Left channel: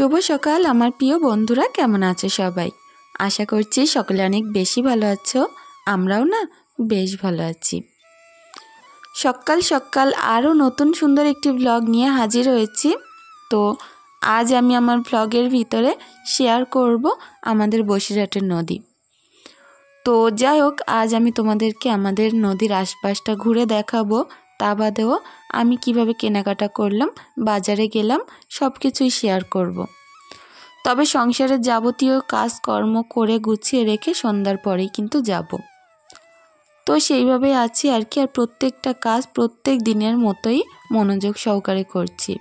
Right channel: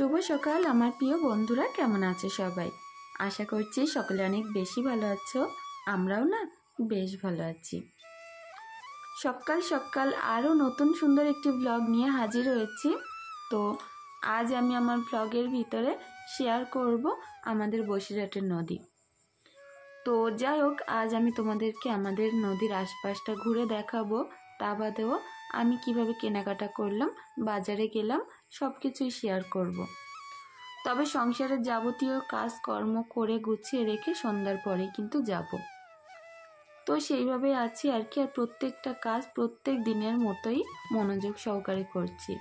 শুভ সকাল আমার প্রিয় বন্ধুরা, কেমন আছো সবাই? আশা করছি সকলে অনেক বেশি ভালো আছো। আমরাও না বেশ ভালো আছি। সকাল সকাল আরও নতুন সুন্দর একটি ব্লগ নিয়ে হাজির হয়েছি। তো আজ আমি আমার ব্লগের ভিতরে শেয়ার করব আমাদের বসিরহাটের নদী। তো যাই হোক, আজ আমি তোমাদেরকে আমাদের নদীর আশপাশটা ঘুরে দেখাবো। তা বাদেও আমি কিভাবে কেনাকাটা করলাম, বাজারে গেলাম, সব কিছুই শেয়ার করব। তবে সংসারের যাবতীয় কাজকর্ম করে গুছিয়ে রেখে সন্ধ্যার পরেই কিন্তু যাব। তো সেইভাবেই আছি আর কি। আর প্রত্যেকটা কাজ প্রত্যেক দিনের মতোই মনোযোগ সহকারে করছি।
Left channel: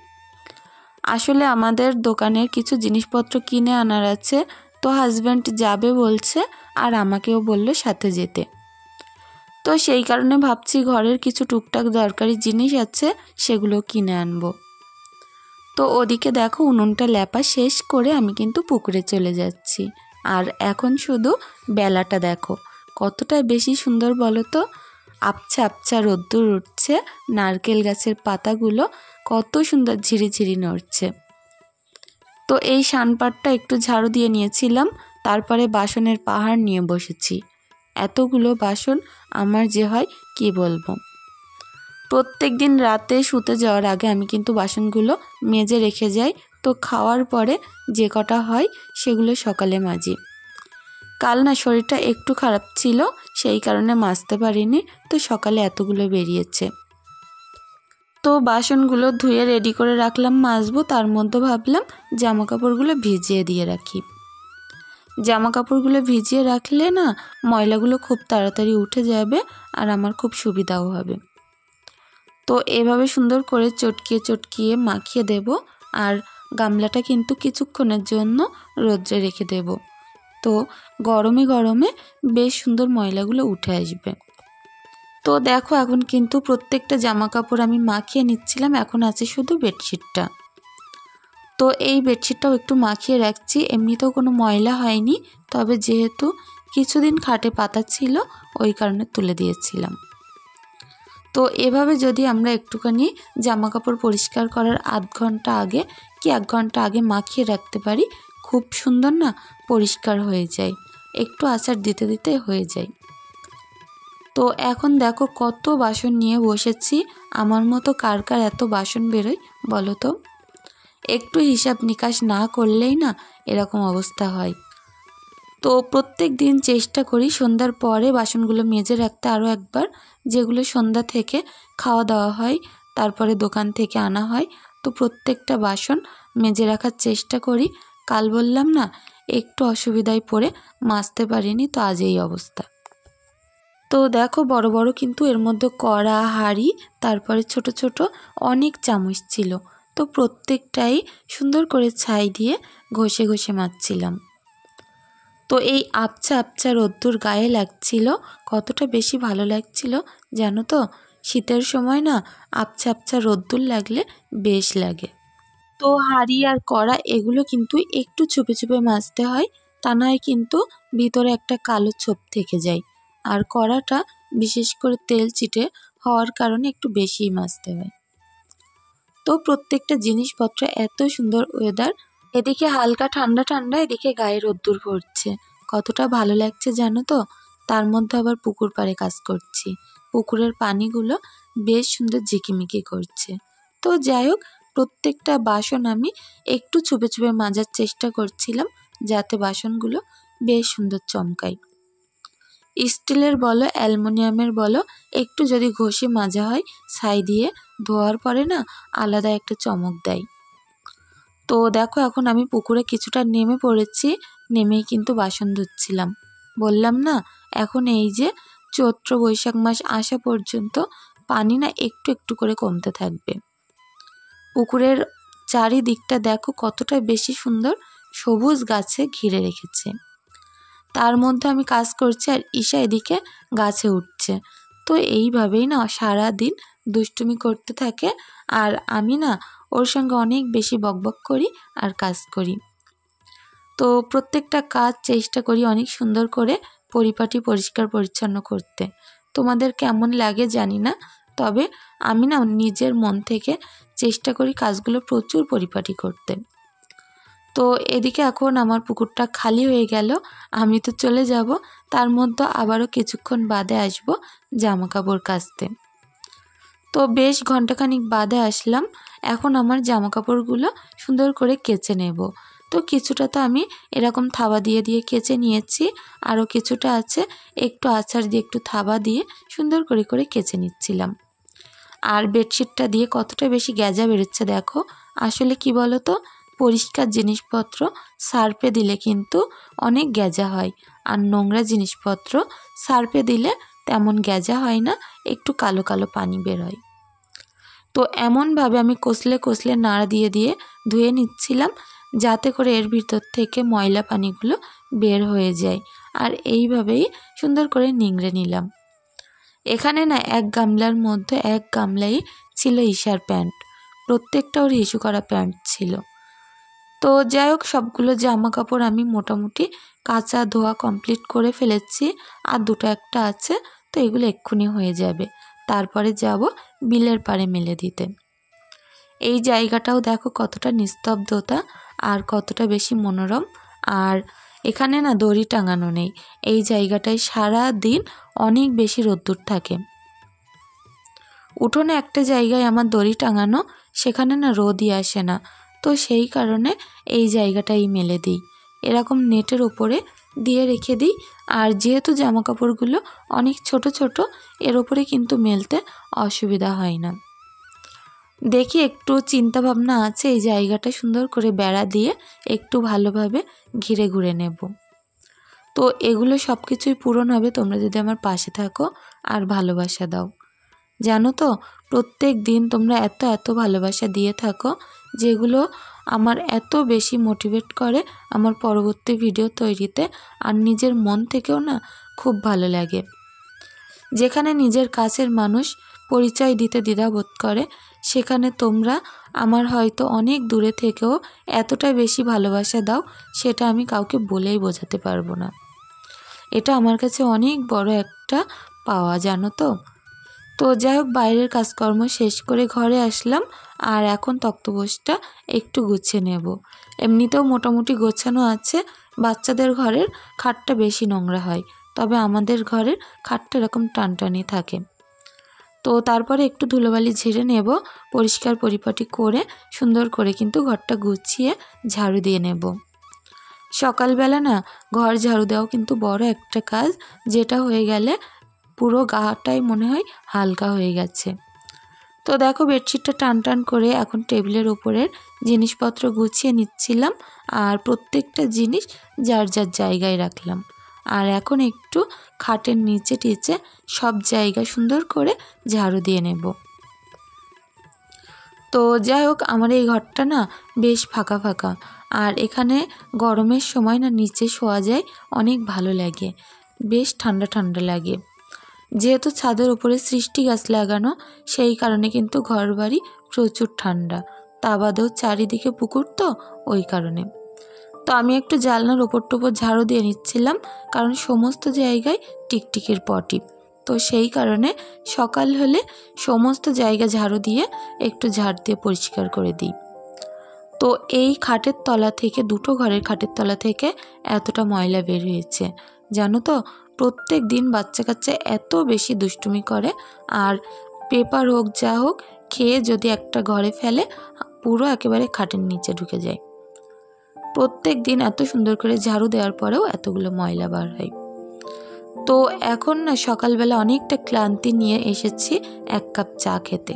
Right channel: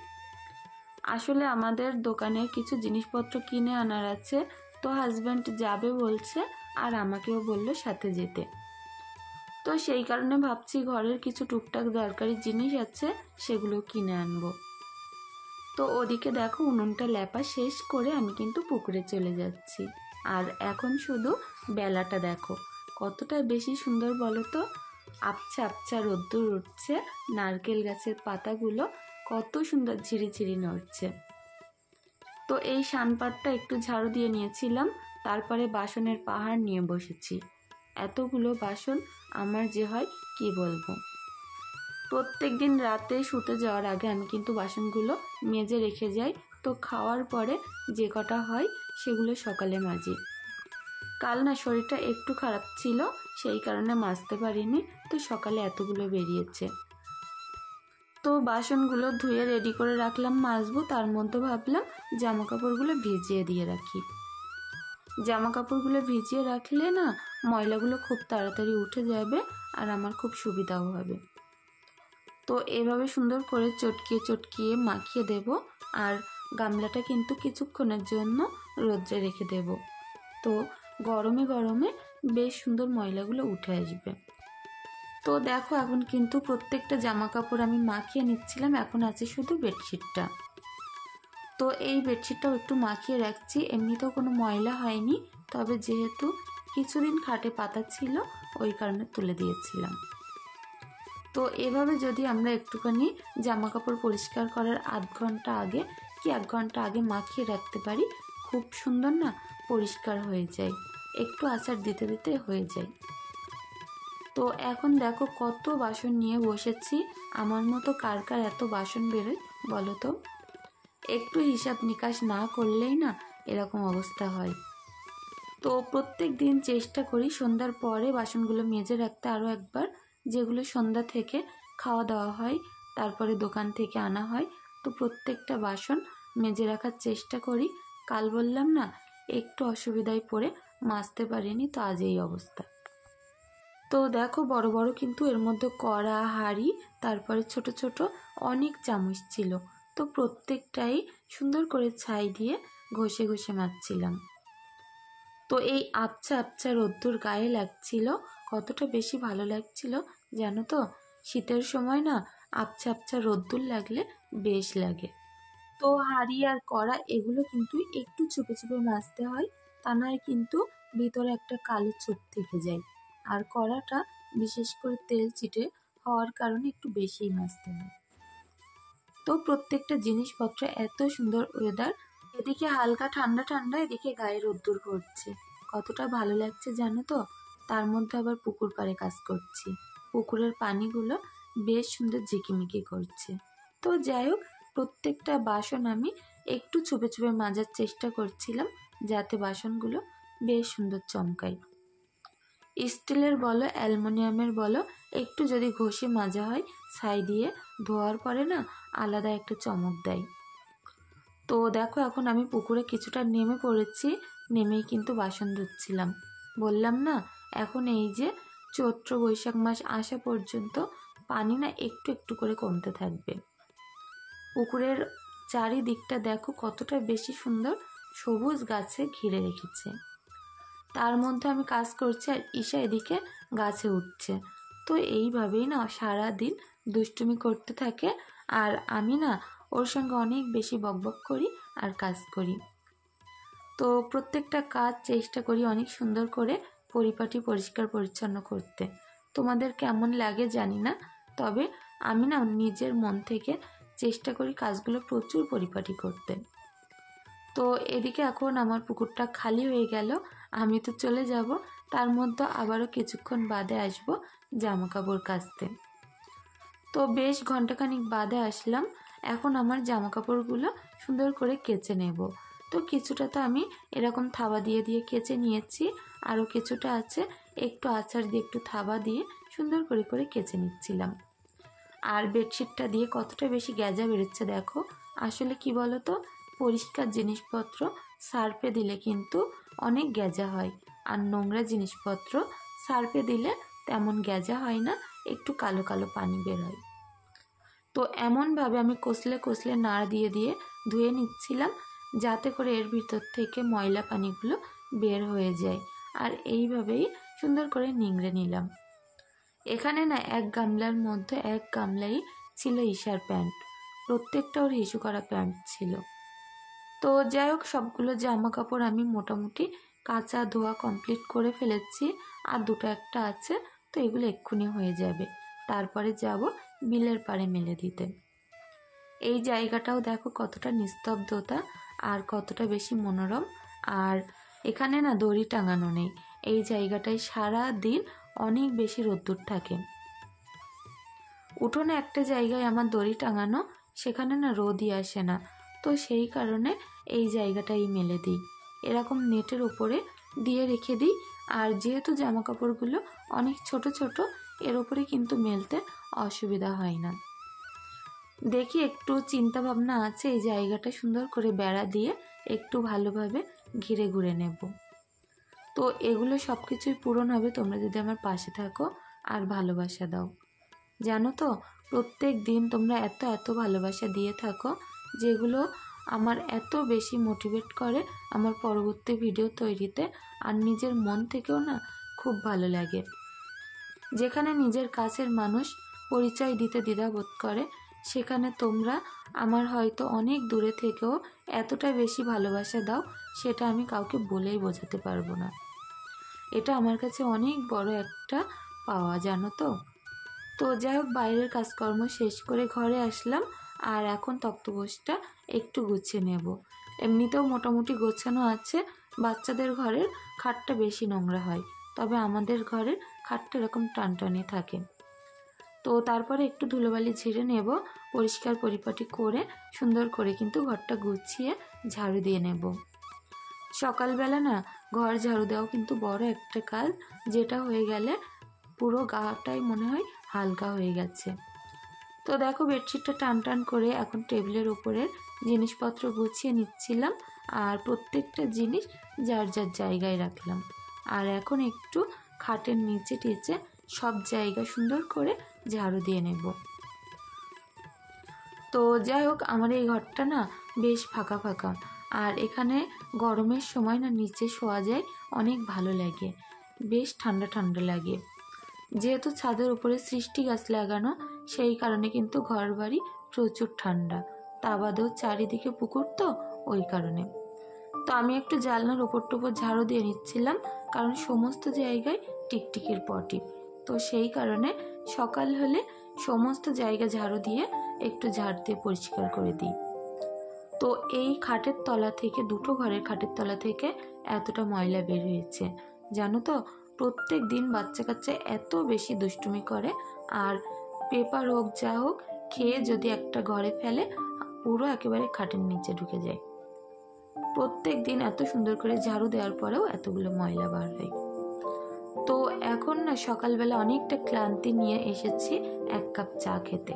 আসলে আমাদের দোকানের কিছু জিনিসপত্র কিনে আনার আছে। তো হাজব্যান্ড যাবে বলছে, আর আমাকেও বললো সাথে যেতে। তো সেই কারণে ভাবছি ঘরের কিছু টুকটাক দরকারি জিনিস আছে, সেগুলো কিনে আনবো। তো ওদিকে দেখো উনুনটা লেপা শেষ করে আমি কিন্তু পুকুরে চলে যাচ্ছি। আর এখন শুধু বেলাটা দেখো কতটা বেশি সুন্দর বলো তো। আবছা আবছা রোদ্দুর উঠছে, নারকেল গাছের পাতাগুলো কত সুন্দর ঝিরিঝিরি নড়ছে। তো এই সানপাটটা একটু ঝাড়ু দিয়ে নিয়েছিলাম, তারপরে বাসনের পাহাড় নিয়ে বসেছি। এতগুলো বাসন আমার যে হয় কি বলবো। প্রত্যেক দিন রাতে শুতে যাওয়ার আগে আমি কিন্তু বাসনগুলো মেজে রেখে যাই। তো খাওয়ার পরে যে কটা হয় সেগুলো সকালে মাজি। কাল না শরীরটা একটু খারাপ ছিল, সেই কারণে মাজতে পারিনি। তো সকালে এতগুলো বেরিয়েছে। তো বাসনগুলো ধুয়ে রেডি করে রাখলাম মাজবো। তার মধ্যে ভাবলাম জামা কাপড়গুলো ভিজিয়ে দিয়ে রাখি। জামা কাপড়গুলো ভিজিয়ে রাখলে না ময়লাগুলো খুব তাড়াতাড়ি উঠে যাবে, আর আমার খুব সুবিধাও হবে। তো এভাবে সুন্দর করে চটকিয়ে চটকিয়ে মাখিয়ে দেব। আর গামলাটা কিন্তু কিছুক্ষণের জন্য রোদ্রে রেখে দেব। তো গরমে গরমে বেশ সুন্দর ময়লাগুলো উঠে আসবে। তো দেখো এখন কিন্তু প্রত্যেকটা জামা কাপড় আমি মাখিয়ে নিচ্ছিলাম। এখন আছে শুধু বেডশিটটা। তো এই বেডশিটটাও একটু মাখিয়ে রাখছি। এমনিতেও কোনো ময়লা হয়নি, তবে যেহেতু কিছুদিন খাটে পাতা ছিল ওই কারণে তুলে দিয়েছিলাম। তো এভাবে যদি আমরা একটুখানি জামা কাপড় পরিষ্কার করার আধ ঘন্টা আগে কি 1 ঘন্টা আগে মাখিয়ে রাখতে পারি, খুব সুন্দর না পরিষ্কার হয়ে যায়। একটু আচার দিতে দিতে হয়ে যায়। তো এখন দেখো কত বাসন নিয়ে বসেছি। আমার মতো কার কার এত বাসন বেরোয় বলো তো? একটু হিসাব নিকাশ না করলেই না এরকম অবস্থা হয়। তো প্রত্যেক দিন চেষ্টা করি সন্ধ্যার পরে বাসনগুলো মেজে রাখতে আরও একবার, যেগুলো সন্ধ্যা থেকে খাওয়া দাওয়া হয়, তারপরে দোকান থেকে আনা হয়। তো প্রত্যেকটা বাসন মেজে রাখার চেষ্টা করি। কাল বললাম না একটু অসুবিধায় পড়ে মাজতে পারিনি, তো আজ এই অবস্থা। তো দেখো বড় বড় কিন্তু এর মধ্যে কড়া, হাঁড়ি, তারপরে ছোট ছোট অনেক চামচ ছিল। তো প্রত্যেকটাই সুন্দর করে ছাই দিয়ে ঘষে ঘষে মাজছিলাম। তো এই আবছা আবছা রোদ্দুর গায়ে লাগছিল, কতটা বেশি ভালো লাগছিল জানো তো। শীতের সময় না আবছা আবছা রোদ্দুর লাগলে বেশ লাগে। তো হাঁড়ি আর কড়া এগুলো কিন্তু একটু চুপে চুপে মাজতে হয়, তা নয় কিন্তু ভিতরে একটা কালো ছোপ থেকে যায়। আর কড়াটা বিশেষ করে তেল চিটে হওয়ার কারণে একটু বেশিই মাজতে হয়। তো প্রত্যেকটা জিনিসপত্র এত সুন্দর ওয়েদার, এদিকে হালকা ঠান্ডা ঠান্ডা, এদিকে গায়ে রোদ্দুর পড়ছে, কতটা ভালো লাগছে জানো তো। তার মধ্যে আবার পুকুর পাড়ে কাজ করছি, পুকুরের পানিগুলো বেশ সুন্দর ঝিকিমিকি করছে। তো যাই হোক, প্রত্যেকটা বাসন আমি একটু চুপে চুপে মাজার চেষ্টা করছিলাম, যাতে বাসনগুলো বেশ সুন্দর চমকায়। স্টিলের বলো অ্যালুমিনিয়ামের বলো, একটু যদি ঘষে মাজা হয় ছাই দিয়ে, ধোয়ার পরে না আলাদা একটা চমক দেয়। তো দেখো এখন আমি পুকুরে কিছুটা নেমে পড়েছি, নেমেই কিন্তু বাসন ধুচ্ছিলাম। বললাম না এখন এই যে চৈত্র বৈশাখ মাস আসা পর্যন্ত পানি না একটু একটু করে কমতে থাকবে। পুকুরের চারিদিকটা দেখো কতটা বেশি সুন্দর সবুজ গাছে ঘিরে রেখেছে। তার মধ্যে আমি কাজ করছি আর ঈশা এদিকে গাছে উঠছে। তো এইভাবেই না সারা দিন দুষ্টুমি করতে থাকে, আর আমি না ওর সঙ্গে অনেক বেশি বকবক করি আর কাজ করি। তো প্রত্যেকটা কাজ চেষ্টা করি অনেক সুন্দর করে পরিপাটি পরিষ্কার পরিচ্ছন্ন করতে। তোমাদের কেমন লাগে জানি না, তবে আমি না নিজের মন থেকে চেষ্টা করি কাজগুলো প্রচুর পরিপাটি করতে। তো তো এদিকে এখন আমার পুকুরটা খালি হয়ে গেল, আমি তো চলে যাব, তার মধ্যে আবারও কিছুক্ষণ বাদে আসব জামা কাপড় কাচতে। তো বেশ ঘন্টাখানিক বাদে আসলাম। এখন আমার জামা কাপড়গুলো সুন্দর করে কেচে নেব। তো কিছুটা তো আমি এরকম থাবা দিয়ে দিয়ে কেচে নিয়েছি, আরও কিছুটা আছে একটু আচার দিয়ে একটু থাবা দিয়ে সুন্দর করে করে কেচে নিচ্ছিলাম। আর বেডশিটটা দিয়ে কতটা বেশি গ্যাজা বেরোচ্ছে দেখো। আসলে কি বলো তো, পরিষ্কার জিনিসপত্র সার্ফে দিলে কিন্তু অনেক গ্যাজা হয়, আর নোংরা জিনিসপত্র সার্ফে দিলে তেমন গ্যাজা হয় না, একটু কালো কালো পানি বের হয়। তো এমনভাবে আমি কষলে কষলে নাড়া দিয়ে দিয়ে ধুয়ে নিচ্ছিলাম, যাতে করে এর ভিতর থেকে ময়লা পানিগুলো বের হয়ে যায়। আর এইভাবেই সুন্দর করে নিংড়ে নিলাম। এখানে না এক গামলার মধ্যে এক গামলাই ছিল ঈশার প্যান্ট, প্রত্যেকটা ওর ইস্যু করা প্যান্ট ছিল। তো যাই হোক, সবগুলো জামা কাপড় আমি মোটামুটি কাচা ধোয়া কমপ্লিট করে ফেলেছি, আর দুটো একটা আছে, তো এগুলো এক্ষুনি হয়ে যাবে। তারপরে যাব বিলের পাড়ে মেলে দিতে। এই জায়গাটাও দেখো কতটা নিস্তব্ধতা আর কতটা বেশি মনোরম। আর এখানে না দড়ি টাঙানো নেই, এই জায়গাটায় সারা দিন অনেক বেশি রোদ্দুর থাকে। উঠোনে একটা জায়গায় আমার দড়ি টাঙানো, সেখানে না রোদই আসে না, তো সেই কারণে এই জায়গাটাই মেলে দিই, এরকম নেটের ওপরে দিয়ে রেখে দিই। আর যেহেতু জামা কাপড়গুলো অনেক ছোট ছোট, এর ওপরে কিন্তু মেলতে অসুবিধা হয় না। দেখি একটু চিন্তা ভাবনা আছে এই জায়গাটা সুন্দর করে বেড়া দিয়ে একটু ভালোভাবে ঘিরে ঘুরে নেব। তো এগুলো সব কিছুই পূরণ হবে তোমরা যদি আমার পাশে থাকো আর ভালোবাসা দাও। জানো তো, প্রত্যেক দিন তোমরা এত এত ভালোবাসা দিয়ে থাকো, যেগুলো আমার এত বেশি মোটিভেট করে আমার পরবর্তী ভিডিও তৈরিতে, আর নিজের মন থেকেও না খুব ভালো লাগে। যেখানে নিজের কাছের মানুষ পরিচয় দিতে দ্বিধাবোধ করে, সেখানে তোমরা আমার হয়তো অনেক দূরে থেকেও এতটা বেশি ভালোবাসা দাও, সেটা আমি কাউকে বলেই বোঝাতে পারবো না। এটা আমার কাছে অনেক বড় একটা পাওয়া, জানো তো। তো যাই হোক, বাইরের কাজকর্ম শেষ করে ঘরে আসলাম, আর এখন তক্তপোষটা একটু গুছিয়ে নেব। এমনিতেও মোটামুটি গোছানো আছে, বাচ্চাদের ঘরের খাটটা বেশি নোংরা হয়, তবে আমাদের ঘরের খাটটা এরকম টানটানি থাকে। তো তারপরে একটু ধুলোবালি ঝেড়ে নেব, পরিষ্কার পরিপাটি করে সুন্দর করে কিন্তু ঘরটা গুছিয়ে ঝাড়ু দিয়ে নেব। সকালবেলা না ঘর ঝাড়ু দেওয়াও কিন্তু বড় একটা কাজ, যেটা হয়ে গেলে পুরো গাটাই মনে হয় হালকা হয়ে গেছে। তো দেখো, বেডশিটটা টান টান করে এখন টেবিলের উপরের জিনিসপত্র গুছিয়ে নিচ্ছিলাম, আর প্রত্যেকটা জিনিস যার যার জায়গায় রাখলাম। আর এখন একটু খাটের নিচে টিচে সব জায়গা সুন্দর করে ঝাড়ু দিয়ে নেব। তো যাই হোক, আমার এই ঘরটা না বেশ ফাঁকা ফাঁকা, আর এখানে গরমের সময় না নিচে শোয়া যায়, অনেক ভালো লাগে, বেশ ঠান্ডা ঠান্ডা লাগে। যেহেতু ছাদের উপরে সৃষ্টি গাছ লাগানো, সেই কারণে কিন্তু ঘরবাড়ি প্রচুর ঠান্ডা, তা বাদেও চারিদিকে পুকুর, তো ওই কারণে। তো আমি একটু জানলার ওপর টোপর ঝাড়ু দিয়ে নিচ্ছিলাম, কারণ সমস্ত জায়গায় টিকটিকির পটি, তো সেই কারণে সকাল হলে সমস্ত জায়গা ঝাড়ু দিয়ে একটু ঝাড় দিয়ে পরিষ্কার করে দিই। তো এই খাটের তলা থেকে, দুটো ঘরের খাটের তলা থেকে এতটা ময়লা বের হয়েছে, জানো তো। প্রত্যেক দিন বাচ্চা কাচ্চা এত বেশি দুষ্টুমি করে, আর পেপার হোক যা হোক খেয়ে যদি একটা ঘরে ফেলে, পুরো একেবারে খাটের নিচে ঢুকে যায়। প্রত্যেক দিন এত সুন্দর করে ঝাড়ু দেওয়ার পরেও এতগুলো ময়লা বার হয়। তো এখন না সকালবেলা অনেকটা ক্লান্তি নিয়ে এসেছি এক কাপ চা খেতে।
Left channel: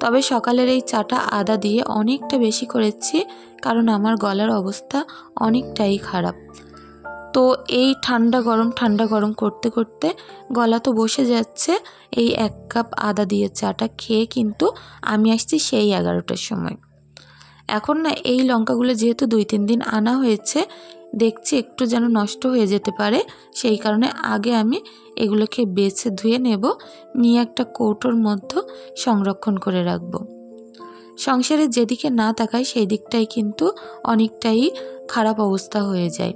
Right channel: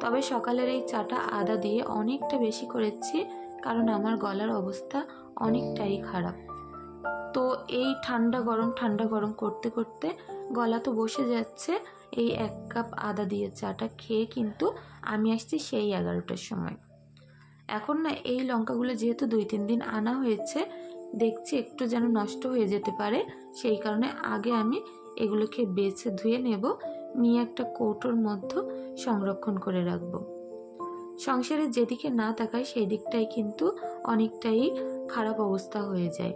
তবে সকালের এই চাটা আদা দিয়ে অনেকটা বেশি করেছি, কারণ আমার গলার অবস্থা অনেকটাই খারাপ। তো এই ঠান্ডা গরম করতে করতে গলা তো বসে যাচ্ছে। এই এক কাপ আদা দিয়ে চাটা খেয়ে কিন্তু আমি আসছি সেই 11টার সময়। এখন না এই লঙ্কাগুলো যেহেতু 2-3 দিন আনা হয়েছে, দেখছি একটু যেন নষ্ট হয়ে যেতে পারে, সেই কারণে আগে আমি এগুলোকে বেছে ধুয়ে নেব, নিয়ে একটা কৌটোর মধ্যে সংরক্ষণ করে রাখব। সংসারে যেদিকে না তাকায় সেই দিকটাই কিন্তু অনেকটাই খারাপ অবস্থা হয়ে যায়।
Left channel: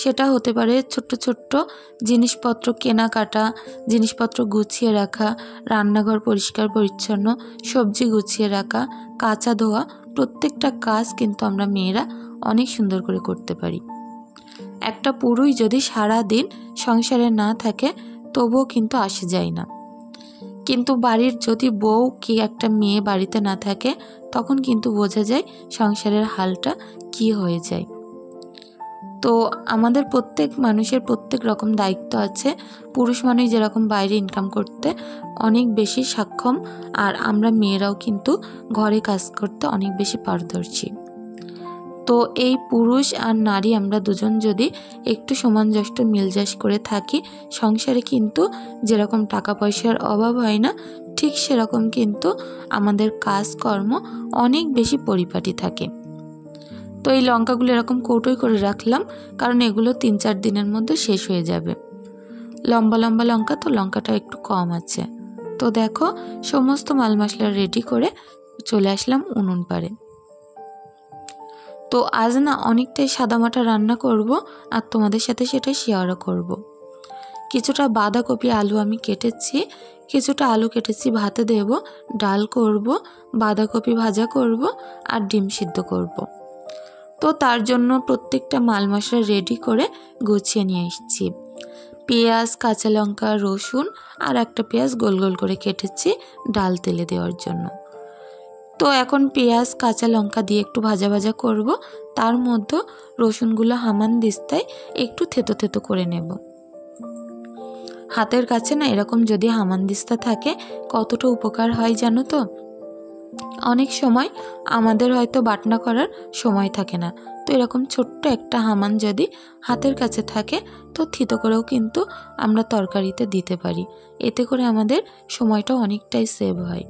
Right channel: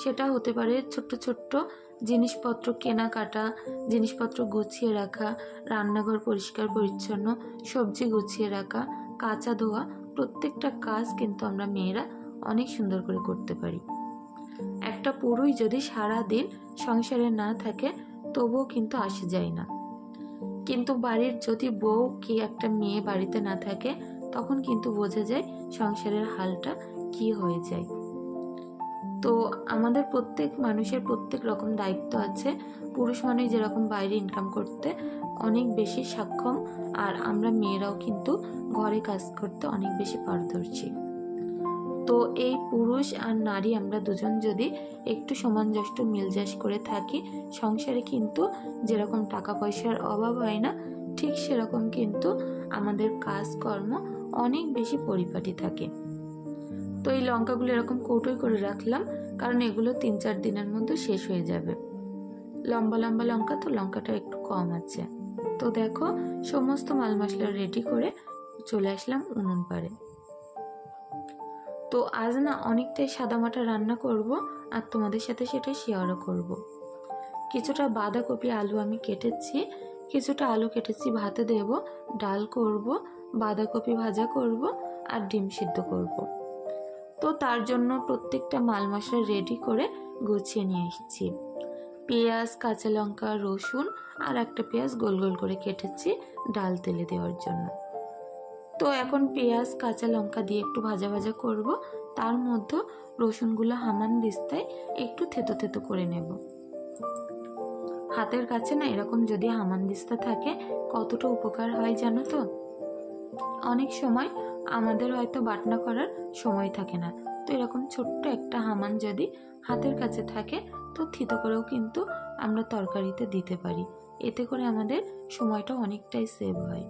সেটা হতে পারে ছোট্ট ছোট্ট জিনিসপত্র কেনাকাটা, জিনিসপত্র গুছিয়ে রাখা, রান্নাঘর পরিষ্কার পরিচ্ছন্ন, সবজি গুছিয়ে রাখা, কাচা ধোয়া, প্রত্যেকটা কাজ কিন্তু আমরা মেয়েরা অনেক সুন্দর করে করতে পারি। একটা পুরুষ যদি সারা দিন সংসারে না থাকে তবুও কিন্তু আসে যায় না, কিন্তু বাড়ির যদি বউ কি একটা মেয়ে বাড়িতে না থাকে তখন কিন্তু বোঝা যায় সংসারের হালটা কি হয়ে যায়। তো আমাদের প্রত্যেক মানুষের প্রত্যেক রকম দায়িত্ব আছে। পুরুষ মানুষ যেরকম বাইরে ইনকাম করতে অনেক বেশি সক্ষম, আর আমরা মেয়েরাও কিন্তু ঘরে কাজ করতে অনেক বেশি পারদর্শী। তো এই পুরুষ আর নারী আমরা দুজন যদি একটু সামঞ্জস্য মিলজাস করে থাকি, সংসারে কিন্তু যেরকম টাকা পয়সার অভাব হয় না, ঠিক সেরকম কিন্তু আমাদের কাজকর্ম অনেক বেশি পরিপাটি থাকে। তো এই লঙ্কাগুলো এরকম কৌটোয় করে রাখলাম, কারণ এগুলো 3-4 দিনের মধ্যে শেষ হয়ে যাবে। লম্বা লম্বা লঙ্কা, তো লঙ্কাটা একটু কম আছে। তো দেখো সমস্ত মাল মশলা রেডি করে চলে আসলাম উনুন পাড়ে। তো আজ না অনেকটাই সাদামাটা রান্না করব, আর তোমাদের সাথে সেটা শেয়ারও করব। কিছুটা বাঁধাকপি আলু আমি কেটেছি, কিছুটা আলু কেটেছি ভাতে দেব, ডাল করব, বাঁধাকপি ভাজা করব, আর ডিম সিদ্ধ করব। তো তার জন্য প্রত্যেকটা মাল মশলা রেডি করে গুছিয়ে নিয়ে এসেছি। পেঁয়াজ, কাঁচা লঙ্কা, রসুন আর একটা পেঁয়াজ গোল গোল করে কেটেছি ডাল তেলে দেওয়ার জন্য। তো এখন পেঁয়াজ কাঁচা লঙ্কা দিয়ে একটু ভাজা ভাজা করব, তার মধ্যে রসুনগুলো হামানদিস্তায় একটু থেতো থেতো করে নেব। হাতের কাছে না এরকম যদি হামানদিস্তা থাকে কতটা উপকার হয় জানো তো। অনেক সময় আমাদের হয়তো বাটনা করার সময় থাকে না, তো এরকম ছোট্ট একটা হামান যদি হাতের কাছে থাকে তো থিতো করেও কিন্তু আমরা তরকারিতে দিতে পারি, এতে করে আমাদের সময়টা অনেকটাই সেভ হয়।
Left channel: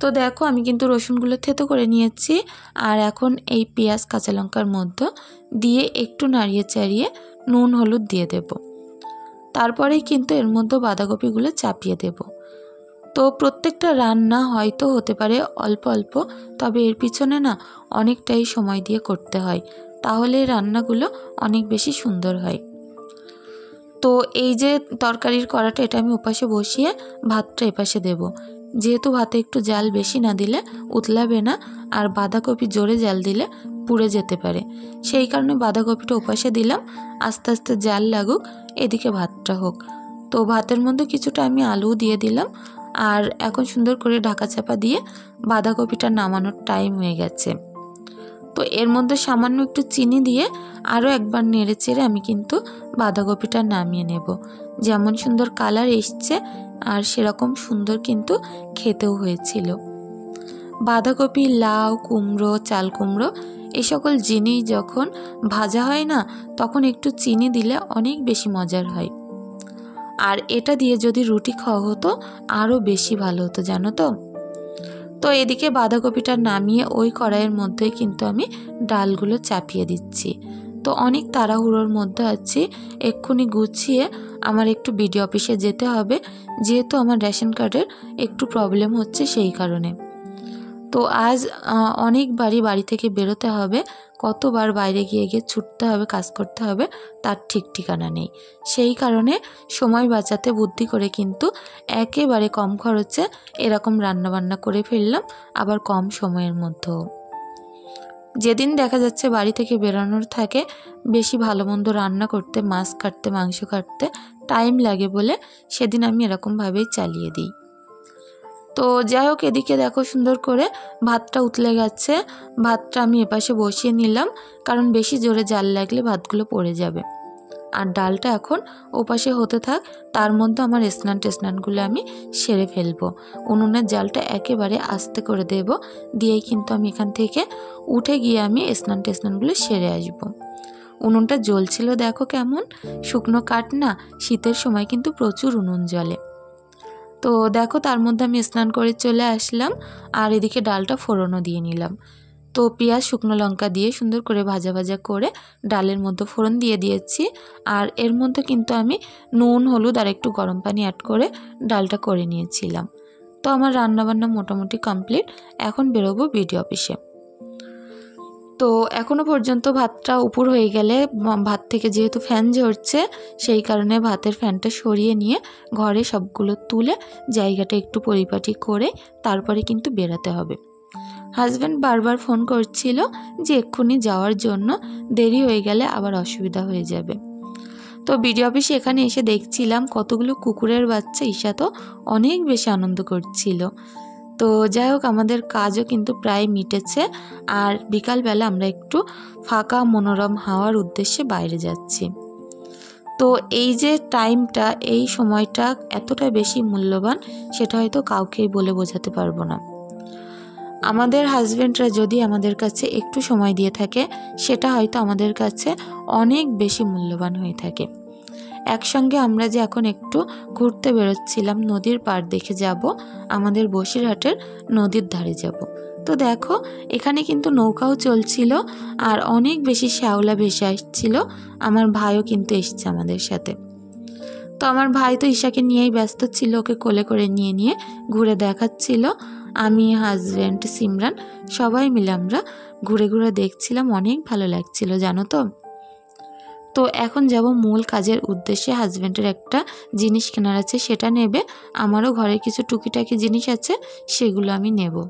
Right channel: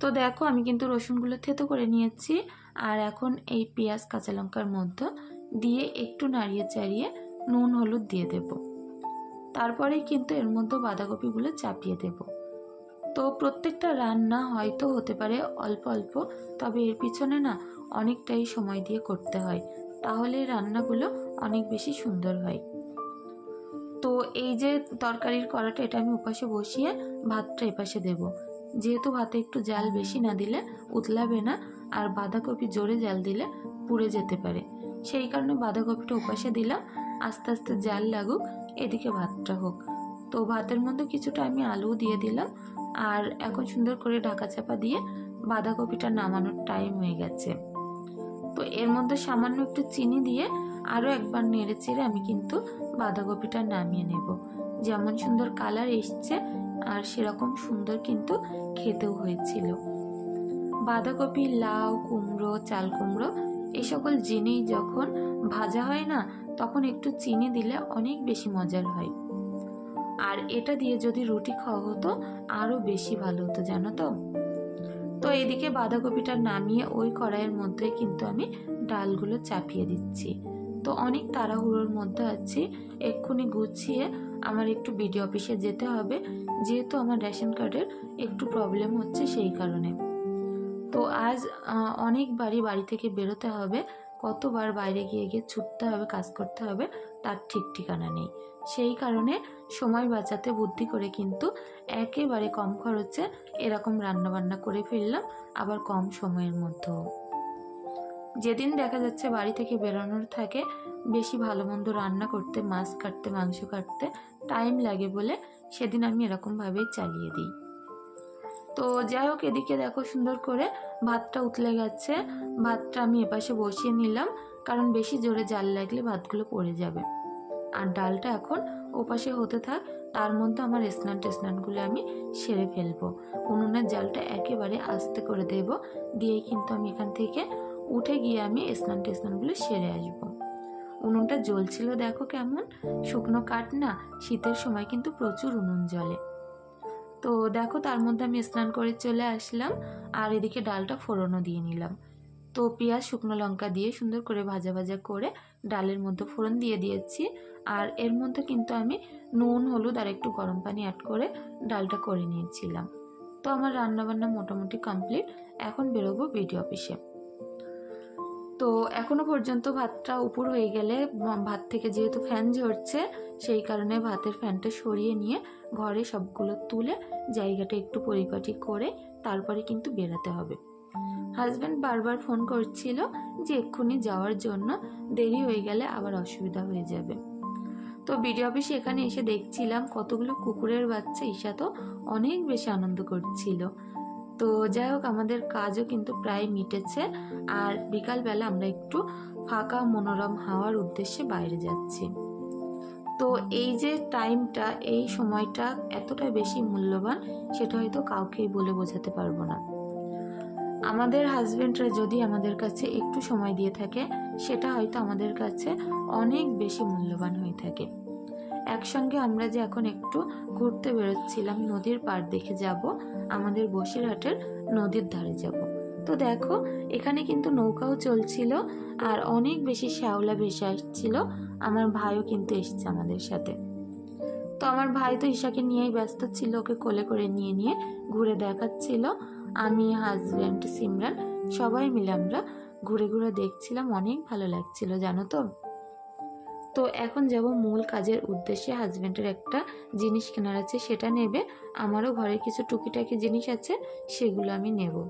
তো দেখো আমি কিন্তু রসুনগুলো থেতো করে নিয়েছি, আর এখন এই পেঁয়াজ কাঁচা লঙ্কার মধ্যে দিয়ে একটু নাড়িয়ে চাড়িয়ে নুন হলুদ দিয়ে দেব। তারপরেই কিন্তু এর মধ্যে বাঁধাকপিগুলো চাপিয়ে দেব। তো প্রত্যেকটা রান্না হয়তো হতে পারে অল্প অল্প, তবে এর পিছনে না অনেকটাই সময় দিয়ে করতে হয়, তাহলে রান্নাগুলো অনেক বেশি সুন্দর হয়। তো এই যে তরকারির কড়াটা এটা আমি ওপাশে বসিয়ে ভাতটা এপাশে দেব। যেহেতু ভাতে একটু জাল বেশি না দিলে উতলাবে না, আর বাঁধাকপি জোরে জাল দিলে পুড়ে যেতে পারে, সেই কারণে বাঁধাকপিটা ওপাশে দিলাম, আস্তে আস্তে জাল লাগুক, এদিকে ভাতটা হোক। তো ভাতের মধ্যে কিছুটা আমি আলু দিয়ে দিলাম, আর এখন সুন্দর করে ঢাকা চাপা দিয়ে বাঁধাকপিটা নামানোর টাইম হয়ে গেছে। তো এর মধ্যে সামান্য একটু চিনি দিয়ে আরও একবার নেড়ে চেড়ে আমি কিন্তু বাঁধাকপিটা নামিয়ে নেব। যেমন সুন্দর কালার এসছে আর সেরকম সুন্দর কিন্তু খেতেও হয়েছিল। বাঁধাকপি, লাউ, কুমড়ো, চাল কুমড়ো এই সকল জিনিস যখন ভাজা হয় না তখন একটু চিনি দিলে অনেক বেশি মজার হয়। আর এটা দিয়ে যদি রুটি খাওয়া হতো আরও বেশি ভালো হতো জানো তো। তো এদিকে বাঁধাকপিটা নামিয়ে ওই কড়াইয়ের মধ্যেই কিন্তু আমি ডালগুলো চাপিয়ে দিচ্ছি। তো অনেক তাড়াহুড়োর মধ্যে আছি, এক্ষুনি গুছিয়ে আমার একটু বিডিও অফিসে যেতে হবে, যেহেতু আমার রেশন কার্ডের একটু প্রবলেম হচ্ছে সেই কারণে। তো আজ অনেকবারই বাড়ি থেকে বেরোতে হবে, কতবার বাইরে গিয়ে গিয়ে ছুটতে হবে, কাজ করতে হবে, তার ঠিক ঠিকানা নেই। সেই কারণে সময় বাঁচাতে বুদ্ধি করে কিন্তু একেবারে কম খরচে এরকম রান্নাবান্না করে ফেললাম, আবার কম সময়ের মধ্যেও। যেদিন দেখা যাচ্ছে বাড়ি থেকে বেরোনোর থাকে, বেশি ভালো মন্দ রান্না করতে, মাছ কাটতে, মাংস কাটতে টাইম লাগে বলে সেদিন আমি এরকমভাবেই চালিয়ে দিই। তো যাই হোক, এদিকে দেখো সুন্দর করে ভাতটা উতলে গেছে, ভাতটা আমি এপাশে বসিয়ে নিলাম, কারণ বেশি জোরে জাল লাগলে ভাতগুলো পড়ে যাবে। আর ডালটা এখন ওপাশে হতে থাক, তার মধ্যে আমার স্নানগুলো আমি সেরে ফেলবো। উনুনের জালটা একেবারে আস্তে করে দেব, দিয়েই কিন্তু আমি এখান থেকে উঠে গিয়ে আমি স্নানগুলো সেরে আসবো। উনুনটা জ্বলছিল দেখো কেমন, শুকনো কাঠ না, শীতের সময় কিন্তু প্রচুর উনুন জ্বলে। তো দেখো তার মধ্যে আমি স্নান করে চলে আসলাম, আর এদিকে ডালটা ফোড়নও দিয়ে নিলাম। তো পেঁয়াজ শুকনো লঙ্কা দিয়ে সুন্দর করে ভাজা ভাজা করে ডালের মধ্যে ফোড়ন দিয়ে দিয়েছি, আর এর মধ্যে কিন্তু আমি নুন হলুদ আর একটু গরম পানি অ্যাড করে ডালটা করে নিয়েছিলাম। তো আমার রান্নাবান্না মোটামুটি কমপ্লিট, এখন বেরোবো বিডিও অফিসে। তো এখনও পর্যন্ত ভাতটা উপর হয়ে গেলে, ভাত থেকে যেহেতু ফ্যান ঝরছে সেই কারণে ভাতের ফ্যানটা সরিয়ে নিয়ে ঘরে সবগুলো তুলে জায়গাটা একটু পরিপাটি করে তারপরে কিন্তু বেরাতে হবে। হাজব্যান্ড বারবার ফোন করছিল যে এক্ষুনি যাওয়ার জন্য, দেরি হয়ে গেলে আবার অসুবিধা হয়ে যাবে। তো বিডিও অফিসে এখানে এসে দেখছিলাম কতগুলো কুকুরের বাচ্চা, ঈশা তো অনেক বেশি আনন্দ করছিল। তো যাই হোক, আমাদের কাজও কিন্তু প্রায় মিটেছে। আর বিকালবেলা আমরা একটু ফাঁকা মনোরম হাওয়ার উদ্দেশ্যে বাইরে যাচ্ছি। তো এই যে টাইমটা, এই সময়টা এতটা বেশি মূল্যবান, সেটা হয়তো কাউকেই বলে বোঝাতে পারবো না। আমাদের হাজব্যান্ডরা যদি আমাদের কাছে একটু সময় দিয়ে থাকে, সেটা হয়তো আমাদের কাছে অনেক বেশি মূল্যবান হয়ে থাকে। একসঙ্গে আমরা যে এখন একটু ঘুরতে বেরোচ্ছিলাম, নদীর পাড় দেখে যাব, আমাদের বসিরহাটের নদীর ধারে যাব। তো দেখো, এখানে কিন্তু নৌকাও চলছিল আর অনেক বেশি শ্যাওলা ভেসে আসছিল। আমার ভাইও কিন্তু এসছে আমাদের সাথে। তো আমার ভাই তো ঈশাকে নিয়েই ব্যস্ত ছিল, ওকে কোলে করে নিয়ে নিয়ে ঘুরে দেখাচ্ছিল। আমি, হাজব্যান্ড, সিমরান সবাই মিলে আমরা ঘুরে ঘুরে দেখছিলাম, অনেক ভালো লাগছিল জানো তো। তো এখন যাব মূল কাজের উদ্দেশ্যে। হাজব্যান্ডের একটা জিনিস কেনার আছে, সেটা নেবে। আমারও ঘরে কিছু টুকিটাকি জিনিস আছে, সেগুলো আমি নেব।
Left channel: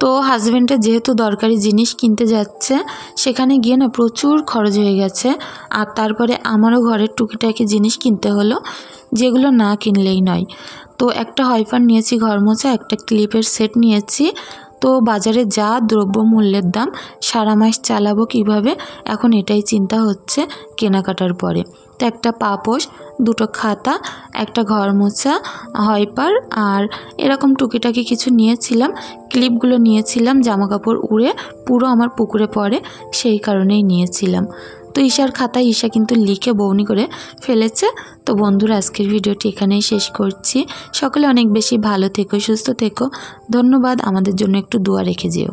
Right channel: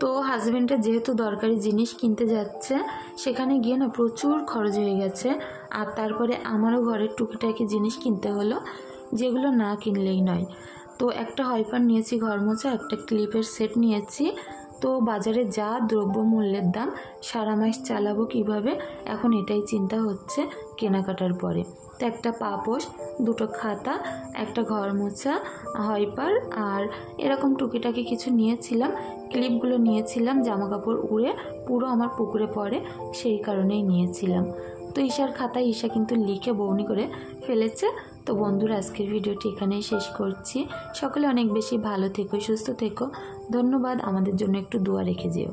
তো হাজব্যান্ডের যেহেতু দরকারি জিনিস কিনতে যাচ্ছে, সেখানে গিয়ে না প্রচুর খরচ হয়ে গেছে। আর তারপরে আমারও ঘরের টুকিটাকি জিনিস কিনতে হলো, যেগুলো না কিনলেই নয়। তো একটা হয়ফার নিয়েছি ঘর মোছা, একটা ক্লিপের সেট নিয়েছি। তো বাজারে যা দ্রব্যমূল্যের দাম, সারা মাস চালাবো কিভাবে, এখন এটাই চিন্তা হচ্ছে কেনাকাটার পরে। তো একটা পাপোশ, দুটো খাতা, একটা ঘর মোছা, হয়পার আর এরকম টুকিটাকি কিছু নিয়েছিলাম। ক্লিপগুলো নিয়েছিলাম, জামা কাপড় উড়ে পুরো আমার পুকুরে পড়ে, সেই কারণেই নিয়েছিলাম। তো ঈশার খাতায় ঈশা কিন্তু লিখে বউনি করে ফেলেছে। তো বন্ধুরা, আজকের ভিডিওটি এখানেই শেষ করছি। সকলে অনেক বেশি ভালো থেকো, সুস্থ থেকো। ধন্যবাদ। আমাদের জন্য একটু দোয়া রেখে যেও।